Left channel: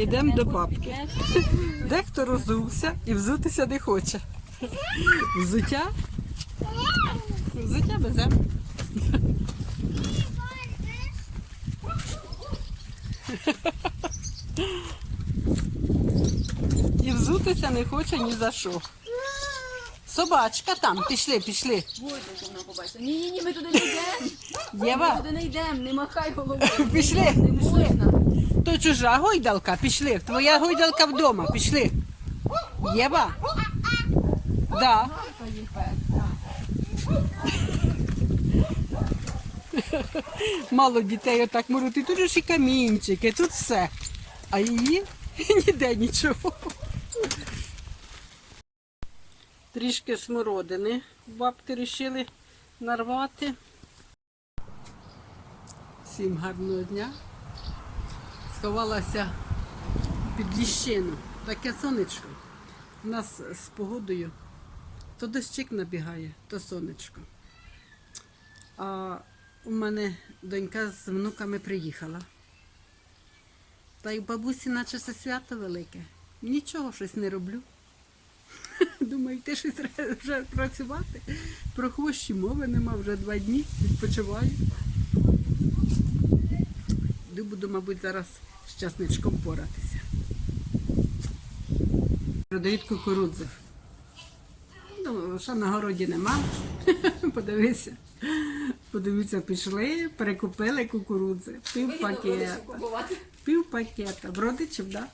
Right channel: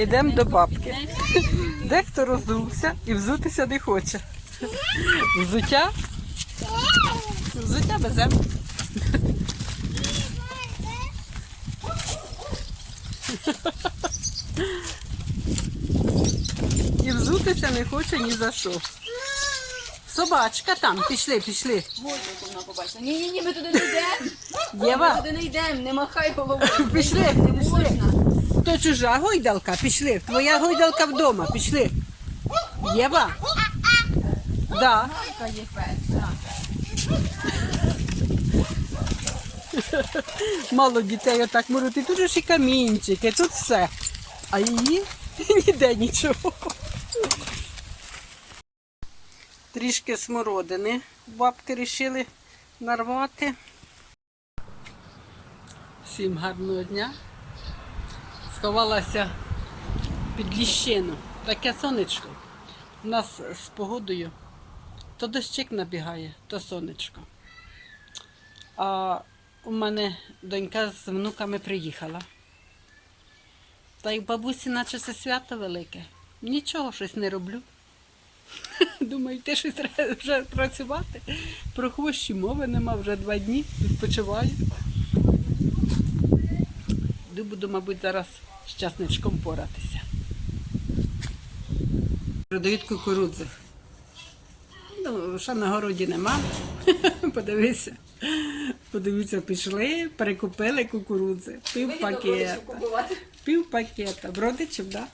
Йдемо до бабки. Дехто розувся і взутися не хоче. Взуття? Взуття веземо. І взутися не хоче ні за що. Собачка там, пішли, пішли. Гойдалку вона побачила. Ні, ні, ні, ми туди не йдемо. Ми туди не йдемо, не махай головою. Пішли, Не пішли. можна. То чужа гойдалка, пішли. Твоя гойдалка вдома, пішли. Єва? Да. Мало дітей отак можуть. І тут ж і камінчики, тут все. А її ніде нічого. Трішки смородини бабки вирішили нарвати. Всім гарного дня. Сховалася під ліщину. Таке сонечко. У нас з погодою то дощик набігає, то сонечко. А у мене донька з внуками приїхала. Та й бабусі, наче це свято велике. Нічого щось не роблю. Думаю, ти щось вже працювати. Про хвощі мови нема вже два дні, відпочиваю. Буду, мабуть, зараз з часничком поратися. Продають кукурудзи. Ну, що на городі нема. Подивися. Подивіться, пішли, перекупили кукурудзи. Пів пакета. Пів пакета. В родичів, так?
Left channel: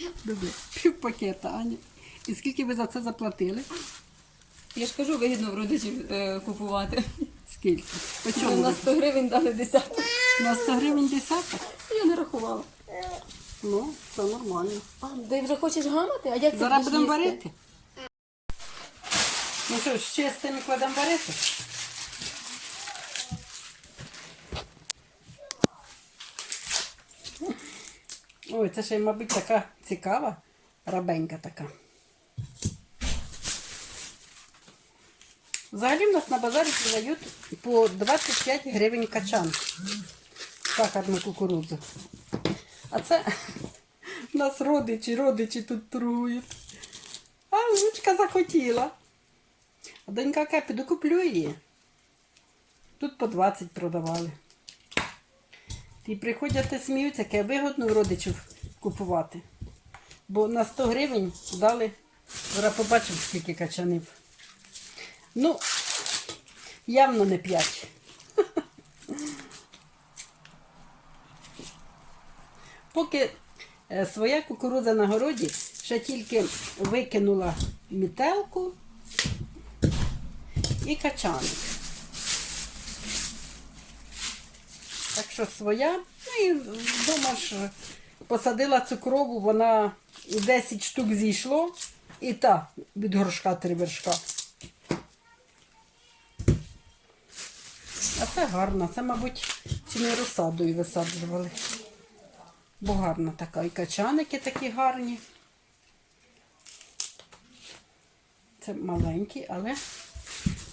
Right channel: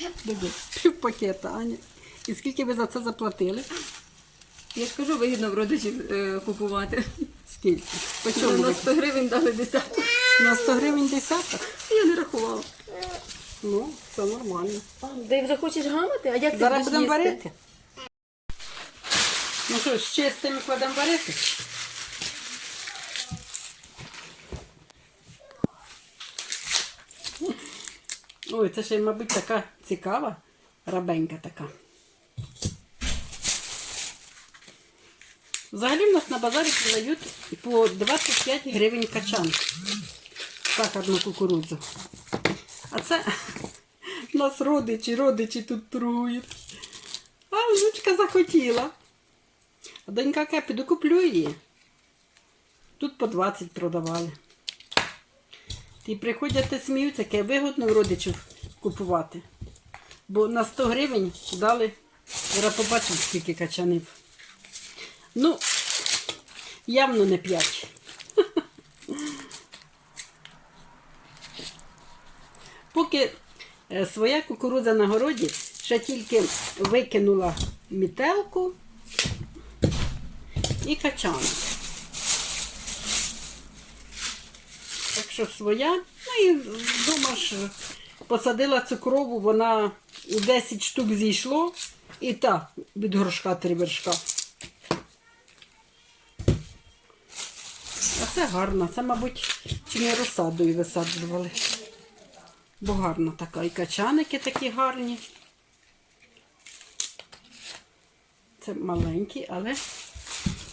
Да? Добре, пів пакета, Аня. І скільки ви за це заплатили? Я ж кажу, вигідно в родичів е, купувати. Скільки? По чому? На 100 гривень дали десяток. На 100 гривень десяток? Я не рахувала. Ну, це нормально. А, ти вже хочеш гамати? А як ти Зараз будеш будемо їсти? варити. Ну що, з чистими кладемо варити? Ой, це ще, мабуть, така цікава, рабенька така. Взагалі в нас на базарі продають по 25 гривень качан. Сахарну кукурудзу. А це нас родичі, родичі тут трують. А внучка захотіла. Донька каже, піду куплю її. Тут по 20 продавали. І приходять і сміються, яке вигодно у родичів купувати. Бо на 100 гривень дали, я побачив, скільки качанів. Ну, явно не 5. Поки е, своя кукурудза на городі ще тільки викинула мітелку і качан. Так що своя, ну і вдома ж посадила цукрову, вона 10 штук зійшло, і та від горшка три вершка. А це гарно, це, мабуть, чи не розсадою висаджували. Бо гарна така. І качаники такі гарні. Це маленькі, але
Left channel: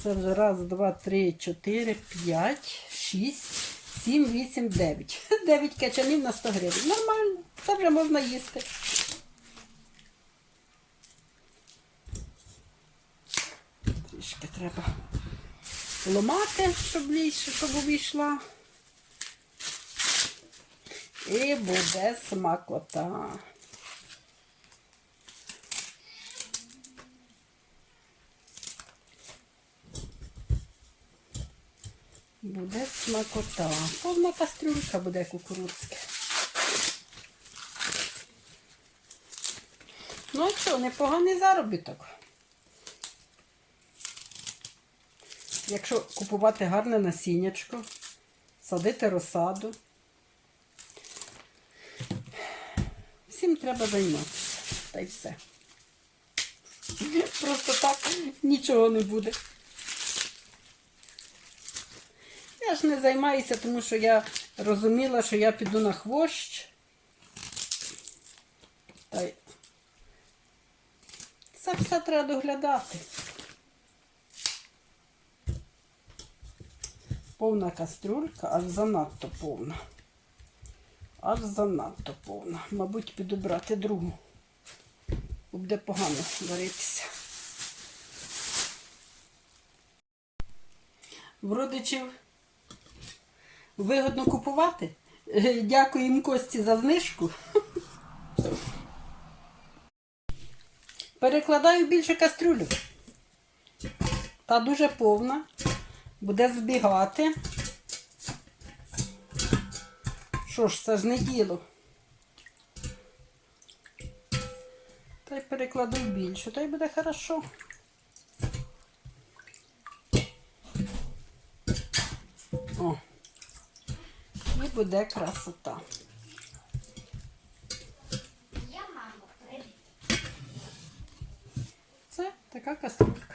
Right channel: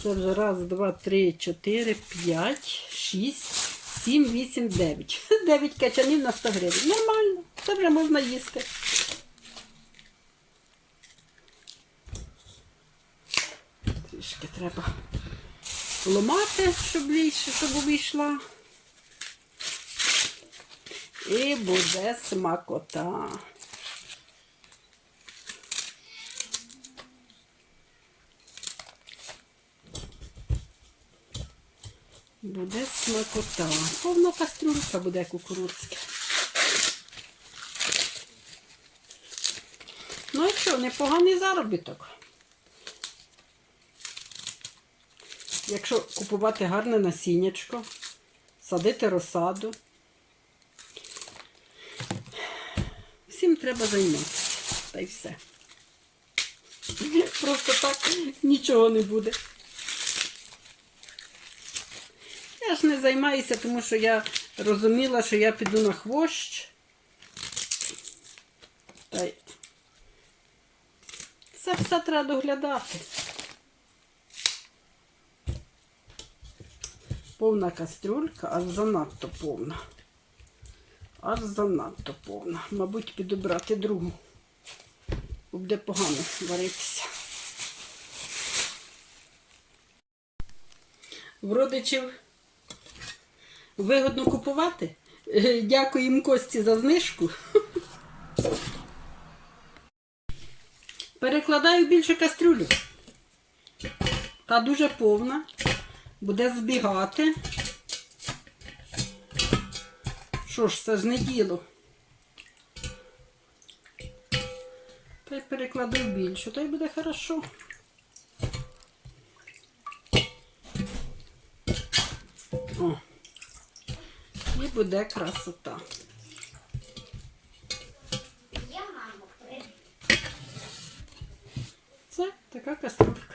це вже раз, два, три, чотири, п'ять, шість, сім, вісім, дев'ять. Дев'ять качанів на 100 гривень. Нормально. Це вже можна їсти. Трішки треба ламати, щоб ліше, щоб вийшла. І буде смакота. Буде смакота. Повна кастрюлька буде кукурудзька. Ну і що, непоганий заробіток. Якщо купувати гарне насіннячко, садити розсаду. Всім треба займатися. Та й все. Просто так нічого не буде. Я ж не займаюся, тому що я розуміла, що я піду на хвощ. Та й це все треба доглядати. Повна кастрюлька, аж занадто повна. Аж занадто повна. Мабуть, підобрати другу. Буде погано варитися. В родичів вигодно купувати. Е, Дякуємо Кості за знижку. Перекладаю більше кастрюлю. Та дуже повна. Буде збігати. Що ж, це ж не діло. Та й перекладу в більшу, то й буде хорошо. О. І буде красота. Це така каструлька.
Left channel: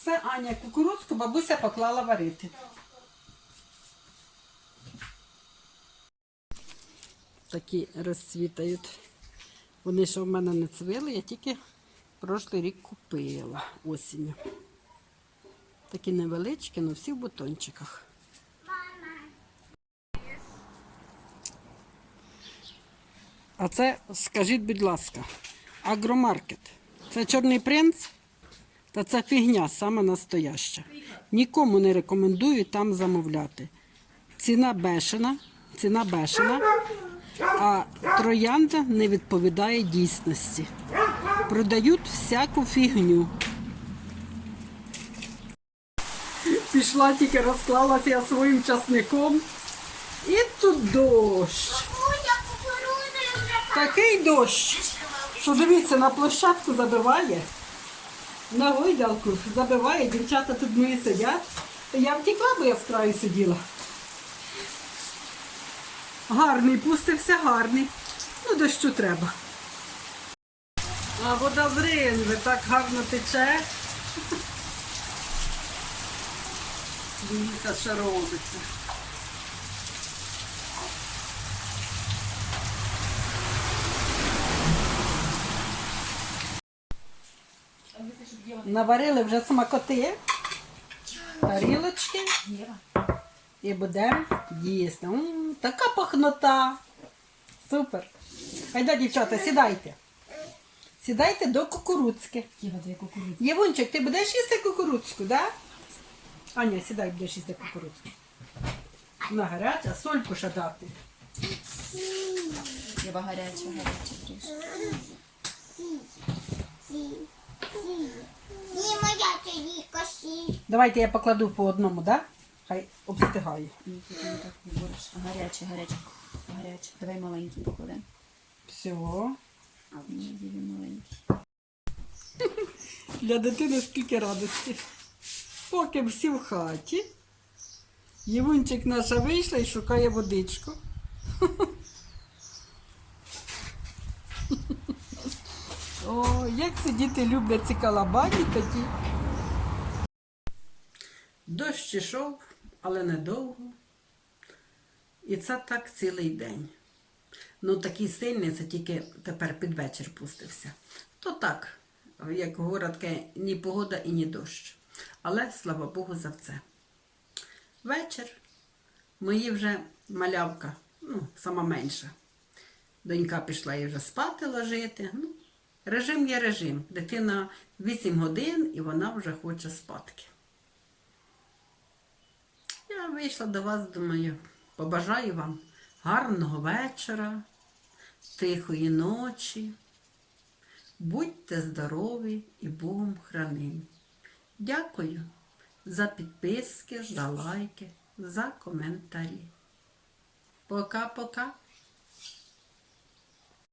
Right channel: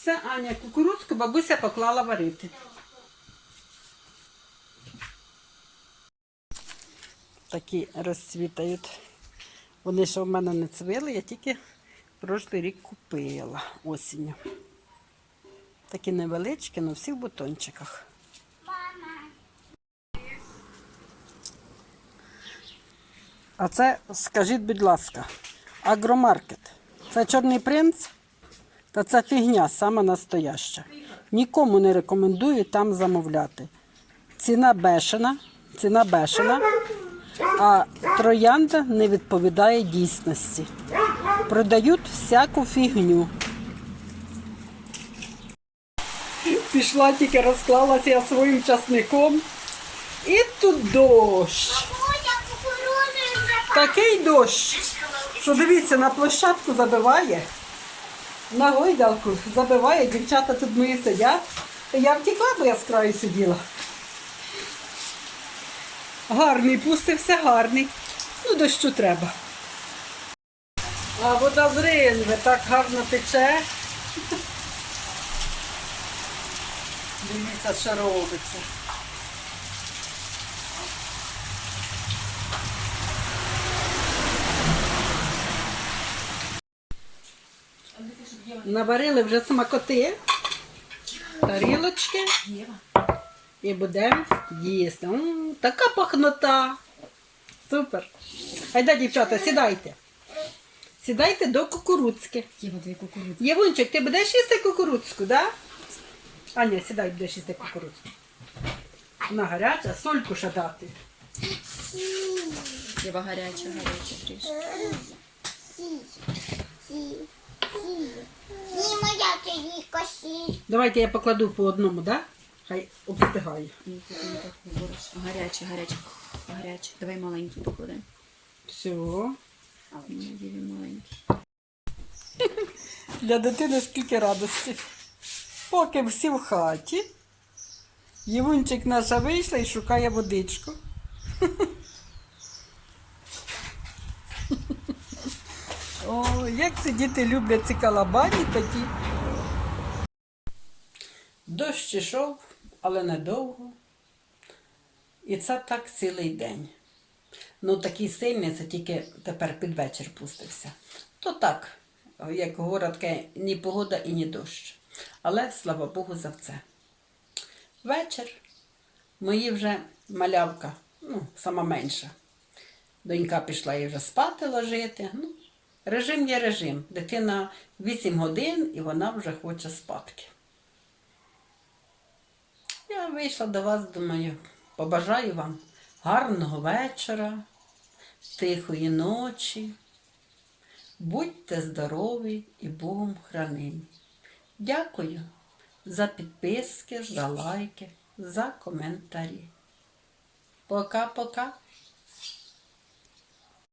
Все, Аня, кукурудзку бабуся поклала варити. Такі розцвітають. Вони ще в мене не цвіли, я тільки прошлий рік купила осінню. Такі невеличкі, але всі в бутончиках. А це, скажіть, будь ласка, агромаркет. Це чорний принц? Та це фігня саме настояща. Нікому не рекомендую там замовляти. Ціна бешена, ціна бешена, а троянда не відповідає дійсності. Продають всяку фігню. Пішла тільки розклалася я своїм часником. І тут дощ. Такий дощ, що дивіться, на площадку забиває. На гойдалку забиває, дівчата тут мої сидять. Я втекла, бо я з краю сиділа. Гарний, пустився гарний. Ну, дощу треба. А вода з ринви так гарно тече. Дивіться, що робиться. Наварили вже смакоти, тарілочки і будемо їсти. М, така пахнота. Супер. Хайда, дівчата, сідайте. Сідайте до кукурудзки. Єва, дві кукурудзи. Євунчик, ти будеш їсти кукурудзку, да? Аня, сідай, будеш їсти кукурудзку. Вона гаряча, сольку ще дати. Єва гаряча, гаряча трішки. Ні, моя це косі. Давайте я покладу по одному, да? Хай обстигає. Так. Гаряча, гаряча. Гаряча. Давай маленький покладемо. Все. Для дитини скільки радості. Поки всі в хаті, Євунчик наша вийшла і шукає водичку. як це діти люблять ці калабані такі. Дощ ішов, але недовго. І це так цілий день. Ну, такий сильний, це тільки тепер під вечір пустився. То так, як говорять, таке, ні погода і ні дощ. Але слава Богу за це. Вечір. Мої вже малявка, ну, сама менша. Донька пішла її вже спати ложити. Ну, режим є режим. Дитина 8 годин і вона вже хоче спадки. Я вийшла до вас, думаю, побажаю вам гарного вечора, тихої ночі. Будьте здорові і Богом хранимі. Дякую за підписки, за лайки, за коментарі. Пока-пока.